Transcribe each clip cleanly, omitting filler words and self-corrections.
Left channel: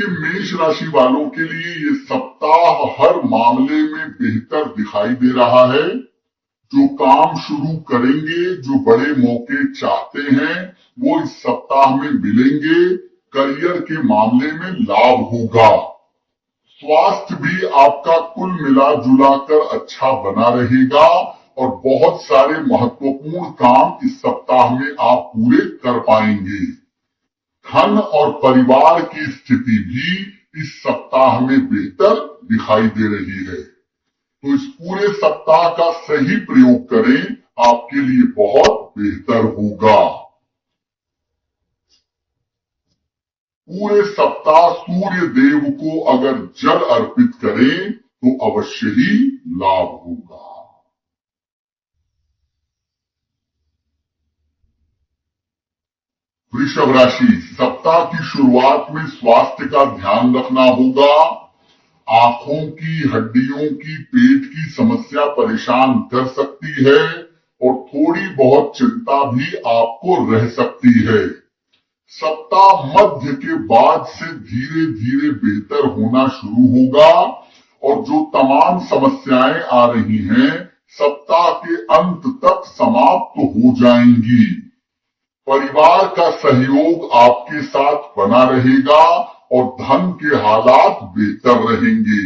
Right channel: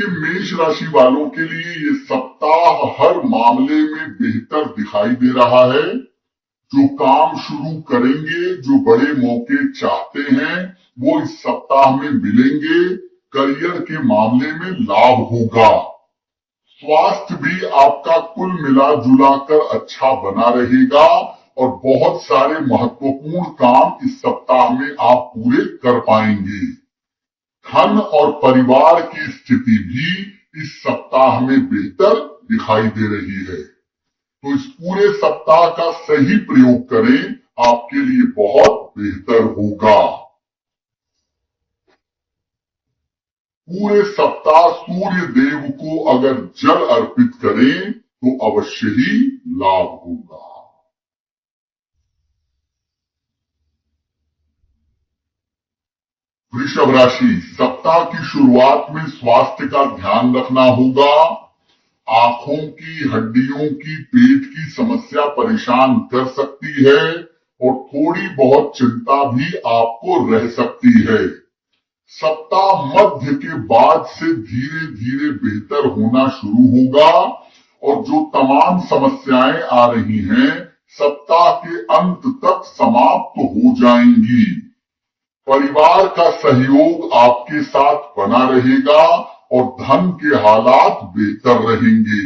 के मेष राशि वालों के लिए ये सप्ताह हर मामले में बेहतर दिखाई दे रहा है। जो काम शुरू करेंगे, जो बड़े मौके चाहते हैं, वो इस सप्ताह में मिलेंगे। करियर के मामले में लाभ होगा। स्वास्थ्य भी आपका कुल मिला जुला कर अच्छा बना रहेगा और बहुत सारे महत्वपूर्ण काम इस सप्ताह में आप पूरे कर पाएंगे। धन और परिवार की स्थिति भी इस सप्ताह में बेहतर दिखाई दे रही है। तो इस पूरे सप्ताह का सही प्रयोग करें, आपके लिए बहुत बेहतर होगा। पूरे सप्ताह सूर्य देव को अगर जल अर्पित करें तो अवश्य ही लाभ होगा। वृषभ राशि, सप्ताह की शुरुआत में स्वास्थ्य का ध्यान रखना होगा। आंखों की, हड्डियों की, पेट की समस्या परेशान कर सकती है और थोड़ी बहुत चिंता भी आपको रह सकती है। सप्ताह मध्य के बाद से धीरे धीरे बेहतर होना शुरू होगा और जो तमाम समस्याएं आ रही हैं, सप्ताह के अंत तक समाप्त हो जाएंगी। परिवार का सहयोग आपके साथ बना रहेगा और धन के हालात बेहतर रहेंगे।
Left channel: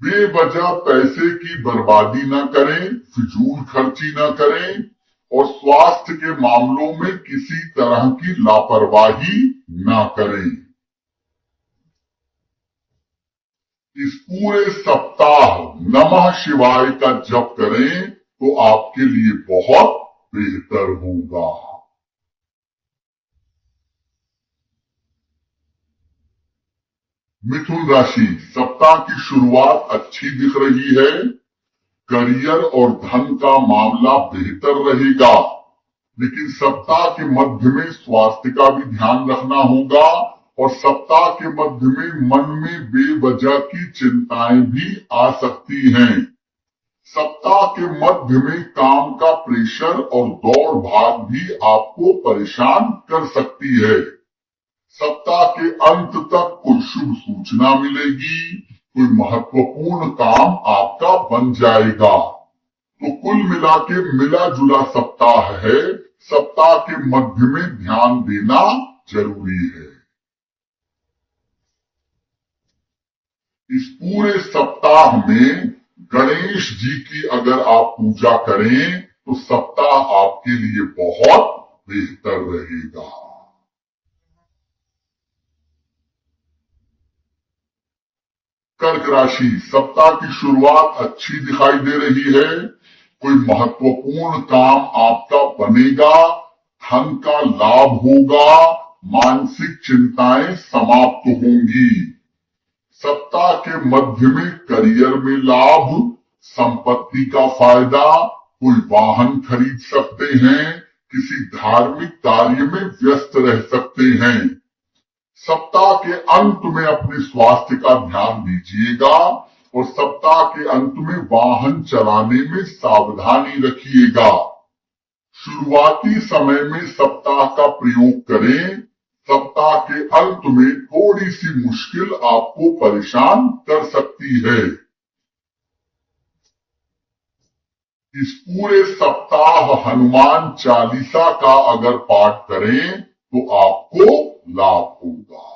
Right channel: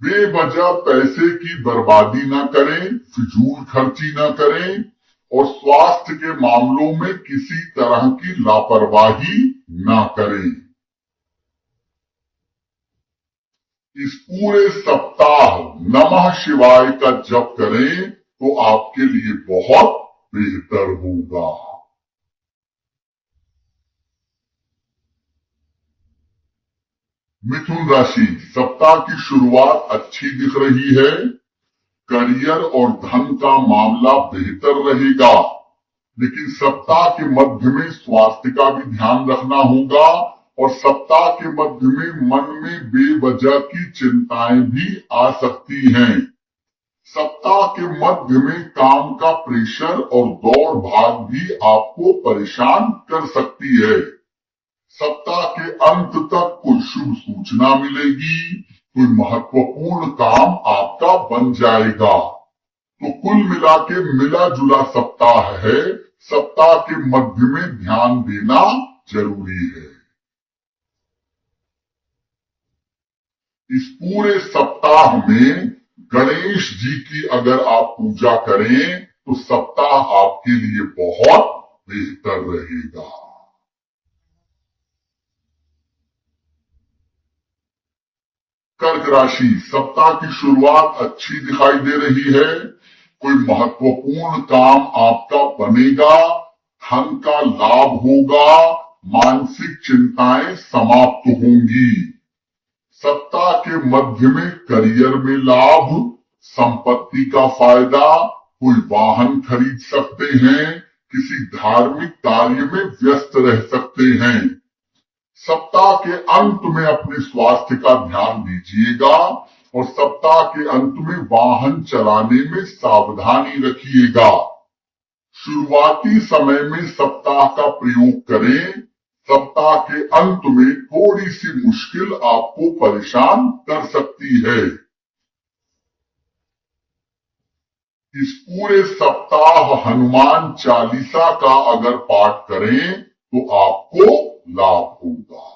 बेवजह पैसे की बर्बादी न करें, फिजूल खर्ची न करें और स्वास्थ्य के मामलों में किसी तरह की लापरवाही न करें। इस पूरे सप्ताह नमः शिवाय का जप करें तो आपके लिए बहुत बेहतर होगा। मिथुन राशि, सप्ताह की शुरुआत अच्छी दिख रही है। करियर और धन का मामला बेहतर रहेगा, लेकिन सप्ताह के मध्य में स्वास्थ्य का भी ध्यान रखना होगा और सप्ताह के मध्य में मन में बेवजह की चिंताएं भी आ सकती हैं। सप्ताह के मध्य में काम का प्रेशर और दौड़ भाग भी आपको परेशान कर सकती है। सप्ताह के अंत तक कोई शुभ सूचना मिलेगी, कोई महत्वपूर्ण काम आपका बन जाएगा। तो कुल मिला के मिला जुला सप्ताह है। सप्ताह के मध्य में ध्यान देना जरूरी है। इस पूरे सप्ताह में गणेश जी की अगर आप पूजा करें तो सप्ताह आपके लिए बहुत बेहतर रहेगा। कर्क राशि, सप्ताह की शुरुआत अच्छी दिखाई दे रही है। कोई महत्वपूर्ण काम आपका बनेगा, धन का लाभ होगा, मानसिक चिंताएं समाप्त होंगी। सप्ताह के मध्य में करियर में लाभ, संपत्ति का फायदा, कोई वाहन खरीद सकते हैं, किसी धार्मिक कार्य में व्यस्त रह सकते हैं। सप्ताह के अंत में अपने स्वास्थ्य का ध्यान दीजिएगा और सप्ताह के अंत में वाहन चलाने में सावधानी रखिएगा। शुरुआती समय में सप्ताह का प्रयोग करें। सप्ताह के अंत में थोड़ी सी मुश्किल आपको परेशान कर सकती है। इस पूरे सप्ताह हनुमान चालीसा का अगर पाठ करें तो आपको लाभ होगा।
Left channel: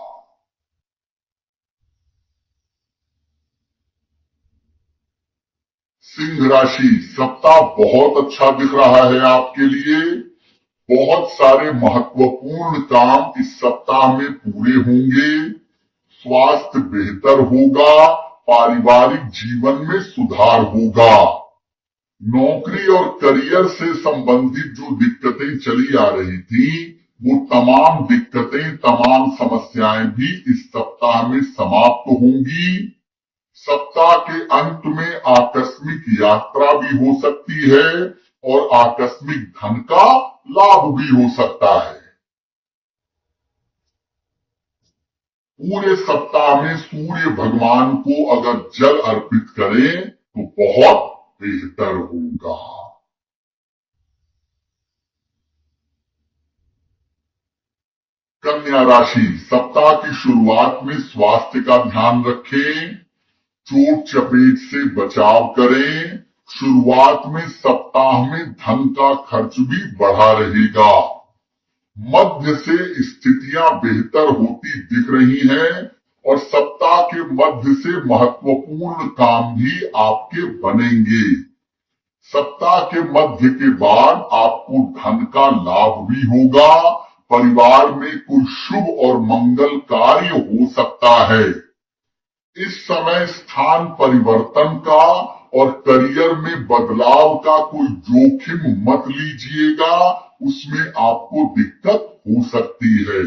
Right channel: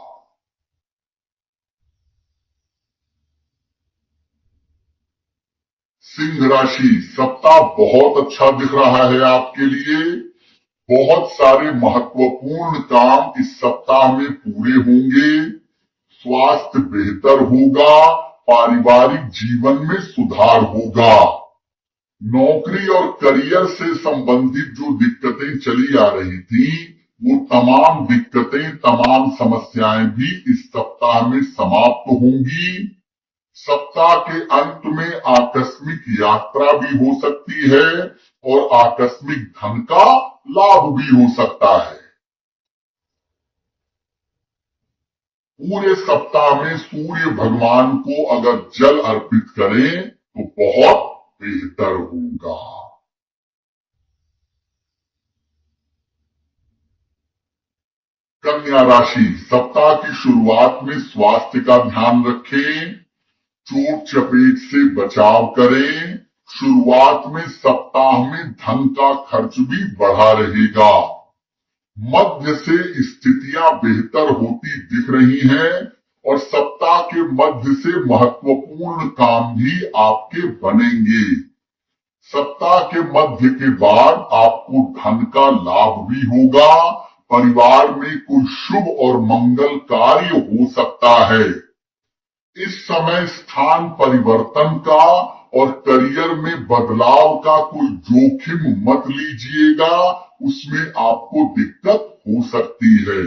सिंह राशि, सप्ताह बहुत अच्छा दिख रहा है आपके लिए। बहुत सारे महत्वपूर्ण काम इस सप्ताह में पूरे होंगे। स्वास्थ्य बेहतर होगा, पारिवारिक जीवन में सुधार होगा। नौकरी और करियर से संबंधित जो दिक्कतें चली आ रही थी, वो तमाम दिक्कतें, तमाम समस्याएं भी इस सप्ताह में समाप्त होंगी। सप्ताह के अंत में आकस्मिक यात्रा भी हो सकती है और आकस्मिक धन का लाभ भी हो सकता है। पूरे सप्ताह में सूर्य भगवान को अगर जल अर्पित करें तो बहुत बेहतर होगा। कन्या राशि, सप्ताह की शुरुआत में स्वास्थ्य का ध्यान रखें, चोट चपेट से बचाव करें। शुरुआत में सप्ताह में धन का खर्च भी बढ़ा रहेगा। मध्य से स्थितियां बेहतर होती दिख रही हैं और सप्ताह के मध्य से महत्वपूर्ण काम भी आपके बनेंगे। सप्ताह के मध्य के बाद आपको धन का लाभ भी होगा। परिवार में कोई शुभ और मंगल कार्य हो सकता है। इस समय स्थान परिवर्तन का और करियर में बदलाव का कोई जोखिम मत लीजिएगा, उसमें आपको दिक्कत हो सकती है।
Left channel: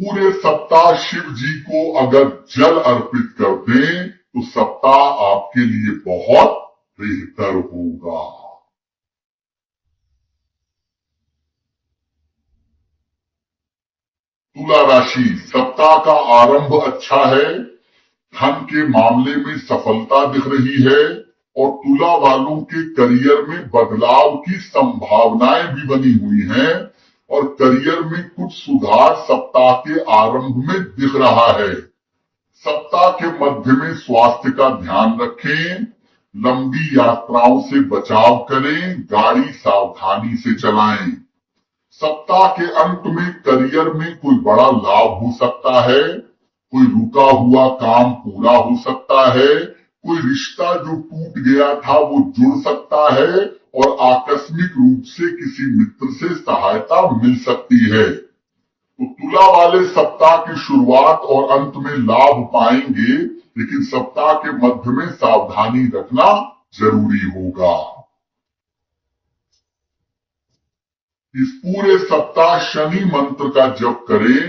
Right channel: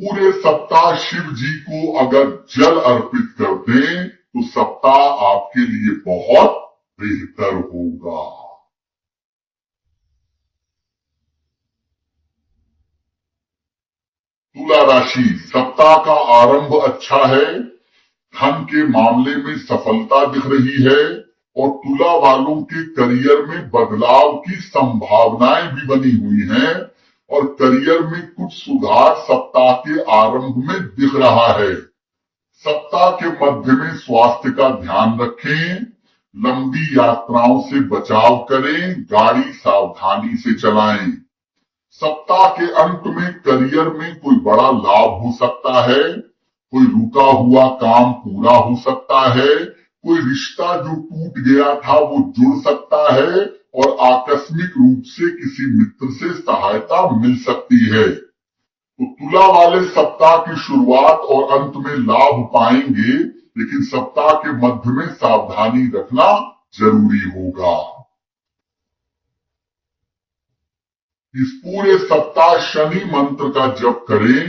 पूरे सप्ताह शिव जी को अगर जल अर्पित कर दें तो सप्ताह आपके लिए बहुत बेहतर होगा। तुला राशि, सप्ताह का आरंभ अच्छा है। धन के मामले में सफलता दिख रही है और तुला वालों के करियर में बदलाव की संभावनाएं भी बनी हुई हैं और करियर में कुछ सुधार सप्ताह के आरंभ में दिख रहा है। सप्ताह के मध्य में स्वास्थ्य का ध्यान रखें, लंबी यात्राओं से बचाव करें, गाड़ी सावधानी से चलाएं। सप्ताह के अंत में करियर में कोई बड़ा लाभ हो सकता है, कोई रुका हुआ काम पूरा हो सकता है, कोई रिश्ता जो टूट गया था वो जुड़ सकता है और आकस्मिक रूप से किसी मित्र से सहायता मिल सकती है। तो तुला वाले सप्ताह की शुरुआत और अंत में लाभ पाएंगे, लेकिन सप्ताह के मध्य में सावधानी रखना जरूरी होगा। इस पूरे सप्ताह शनि मंत्र का जप करें,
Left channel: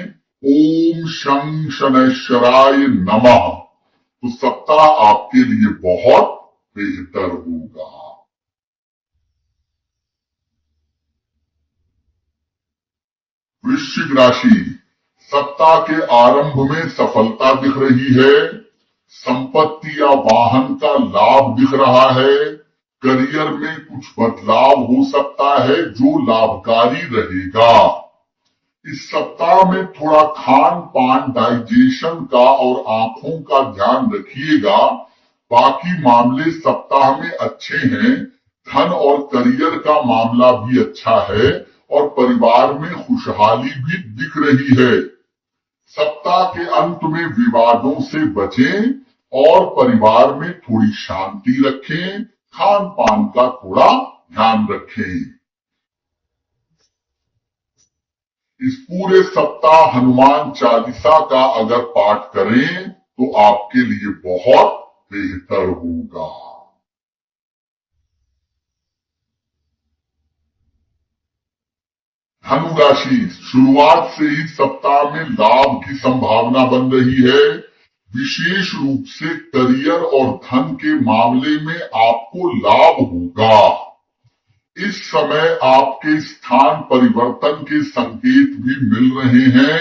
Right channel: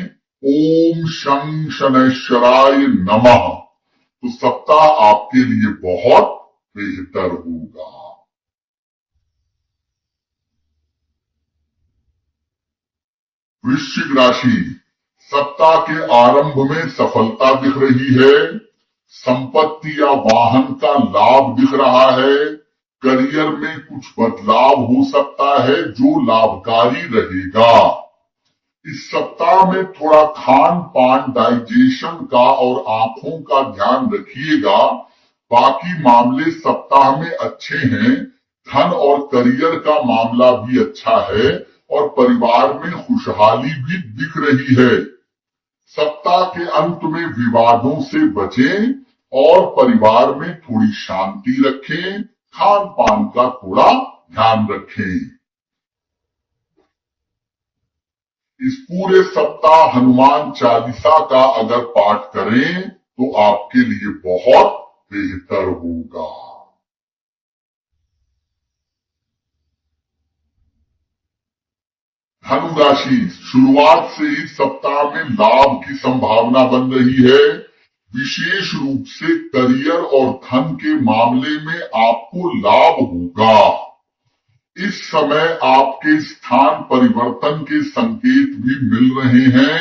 ओम शं शनैश्वराय नमः, तो सप्ताह आपके लिए बहुत बेहतर होगा। वृश्चिक राशि, सप्ताह के आरंभ में सफलता दिख रही है, संपत्ति या वाहन का लाभ दिख रहा है, करियर में कुछ बदलाव हो सकता है जो लाभकारी रहेगा। इस सप्ताह में थोड़ा खान पान, डाइजेशन का और आंखों का ध्यान रखिएगा। बाकी मामले सप्ताह में अच्छे हैं। धन और करियर का मामला भी अच्छा है और परिवार में खुशहाली भी दिख रही है। सप्ताह के अंत में विवादों से बचें और परिवार में थोड़ी शांति रखें, खान पान का थोड़ा ध्यान रखें। इस पूरे सप्ताह हनुमान चालीसा का अगर पाठ करें तो आपके लिए बहुत बेहतर होगा। धनु राशि, शुरुआत से ही सप्ताह में लाभ की संभावना बन रही है। विशेष रूप से करियर और धन के मामले में आपको लाभ होगा। इस समय आपके स्थान परिवर्तन के संकेत भी मिल रहे हैं।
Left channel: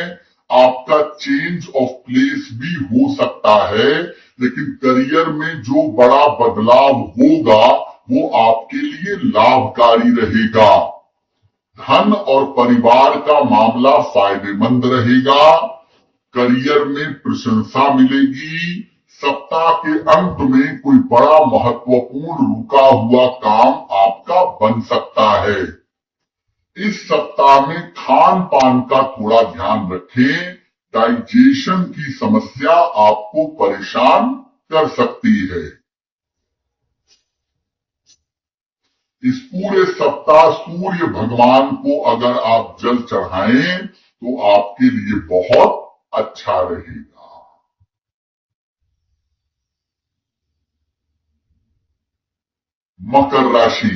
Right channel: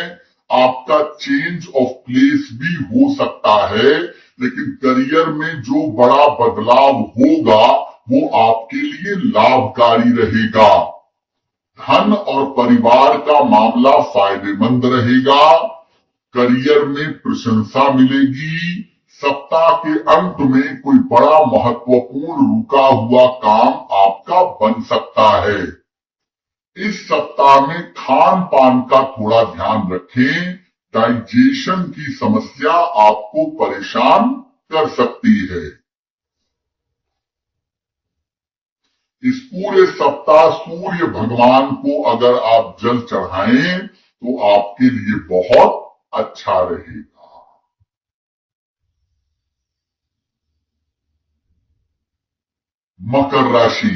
आपका चेंज ऑफ प्लेस भी हो सकता है, लेकिन करियर में जो बड़ा बदलाव होगा वो आपके लिए लाभकारी रहेगा। धन और परिवार का मामला फायदेमंद रहेगा। करियर में प्रशंसा मिलेगी। सप्ताह के अंत में कोई बड़ा महत्वपूर्ण रुका हुआ काम आपका बन सकता है। इस सप्ताह में खान पान का थोड़ा ध्यान रखें। डाइजेशन की समस्या आपको परेशान कर सकती है। इस पूरे सप्ताह सूर्य भगवान को अगर आप जल चढ़ाएं तो आपके लिए बहुत अच्छा रहेगा। मकर राशि,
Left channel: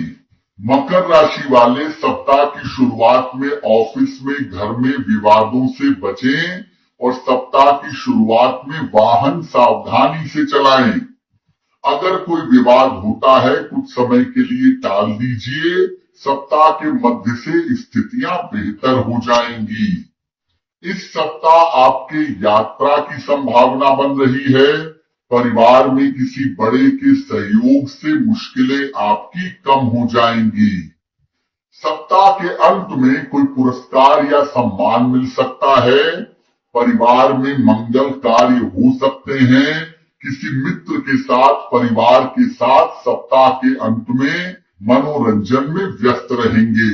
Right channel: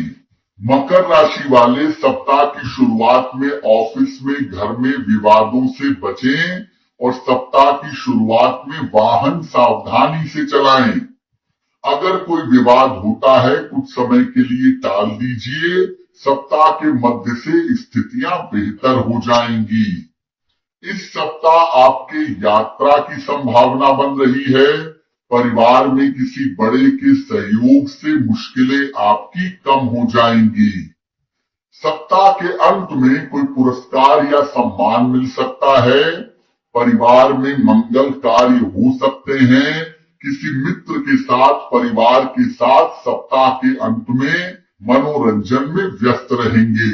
मकर राशि वाले सप्ताह की शुरुआत में ऑफिस में, घर में विवादों से बचें और सप्ताह की शुरुआत में वाहन सावधानी से चलाएं। अगर कोई विवाद होता है कुछ समय के लिए टाल दीजिए। सप्ताह के मध्य से स्थितियां बेहतर हो जाएंगी। इस सप्ताह आपके यात्रा की संभावना बन रही है। परिवार में किसी बड़े के सहयोग से मुश्किलें आपकी कम हो जाएंगी। सप्ताह के अंत में कोई पुरस्कार या सम्मान मिल सकता है, परिवार में मंगल कार्य हो सकते हैं, किसी मित्र के साथ, परिवार के साथ सप्ताह के अंत में मनोरंजन में व्यस्त रहेंगे।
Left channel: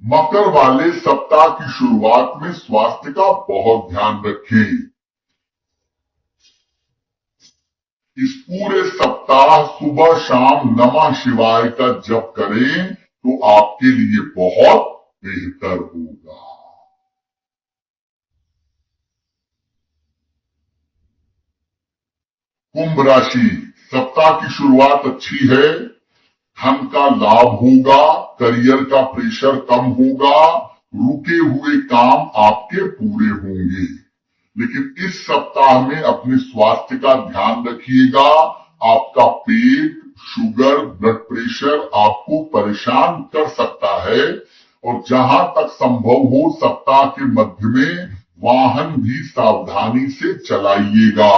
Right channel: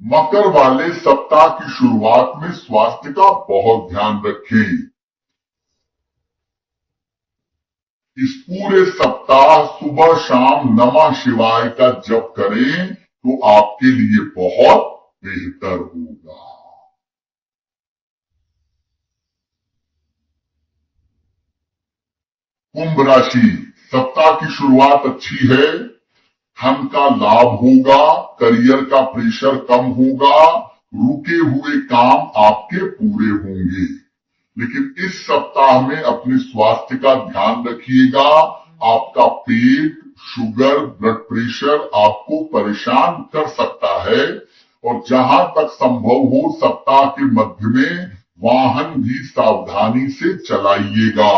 मकर वाले सप्ताह की शुरुआत में स्वास्थ्य का बहुत ध्यान रखें। इस पूरे सप्ताह सुबह शाम नमः शिवाय का जप करें तो आपके लिए बहुत बेहतर होगा। कुंभ राशि, सप्ताह की शुरुआत अच्छी है, धन का लाभ होगा, करियर का प्रेशर कम होगा, रुके हुए काम आपके पूरे होंगे। लेकिन इस सप्ताह में अपने स्वास्थ्य का ध्यान रखिएगा। आपका पेट, शुगर, ब्लड प्रेशर आपको परेशान कर सकता है और जहां तक संभव हो सप्ताह के मध्य में वाहन भी सावधानी से चलाइएगा।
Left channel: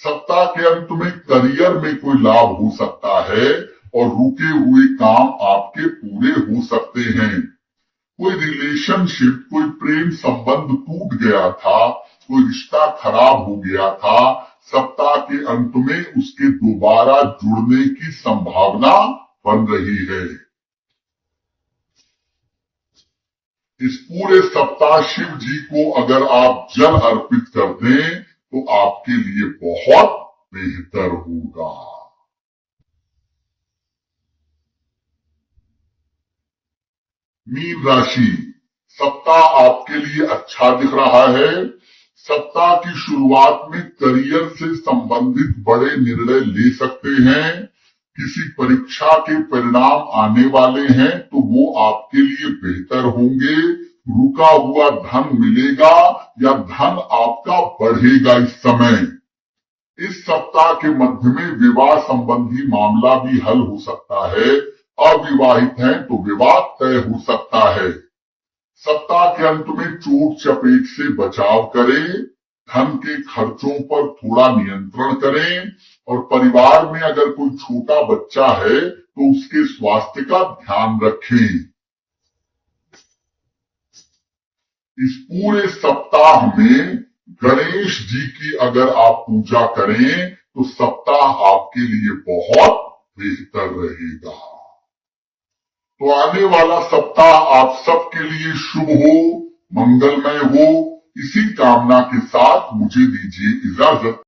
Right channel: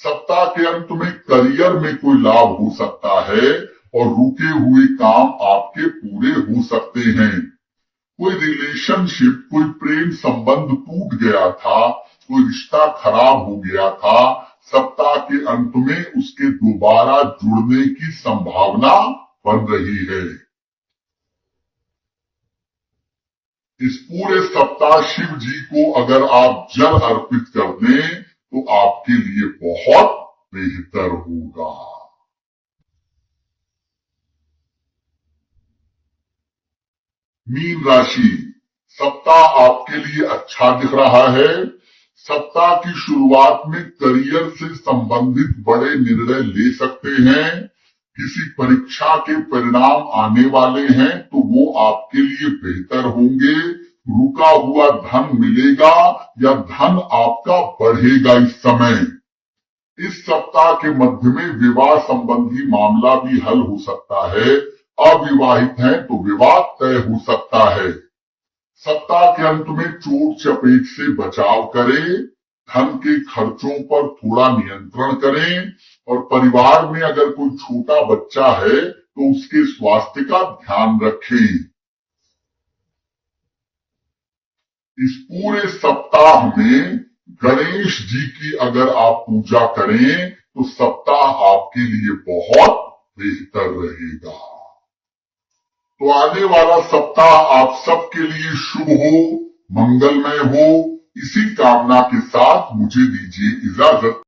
सप्ताह के अंत में करियर में कोई लाभ हो सकता है और रुके हुए काम आपके पूरे हो सकते हैं। कोई रिलेशनशिप, कोई प्रेम संबंध टूट गया था, कोई रिश्ता खराब हो गया था, सप्ताह के अंत में उसके दोबारा जुड़ने की संभावना बन रही है। इस पूरे सप्ताह शिव जी को अगर आप जल अर्पित कर दें तो आपके लिए बहुत बेहतर होगा। मीन राशि, सप्ताह आपके लिए अच्छा दिख रहा है। सप्ताह की शुरुआत में करियर से संबंधित बड़े निर्णय ले सकते हैं। किसी परीक्षा के परिणाम आने वाले हैं तो वो आपके लिए बेहतर होंगे। रुका हुआ धन मिलेगा या धन आपका बढ़ेगा। इस समय, इस सप्ताह के मध्य में विवाह संबंधी मामला भी हल हो सकता है। अविवाहित हैं तो विवाह तय हो सकता है। सप्ताह के अंत में चोट चपेट से बचाव करें, धन के खर्चों पर थोड़ा नियंत्रण करें और परिवार में अगर कोई छोटा बच्चा है तो उसके स्वास्थ्य का ध्यान रखें। इस पूरे सप्ताह में गणेश जी की अगर आप पूजा करें तो सप्ताह आपके लिए बहुत बेहतर रहेगा। तो आने वाला सप्ताह आप सबके लिए शुभ हो, मंगलमय हो, इसी कामना के साथ मुझे दीजिए इजाजत।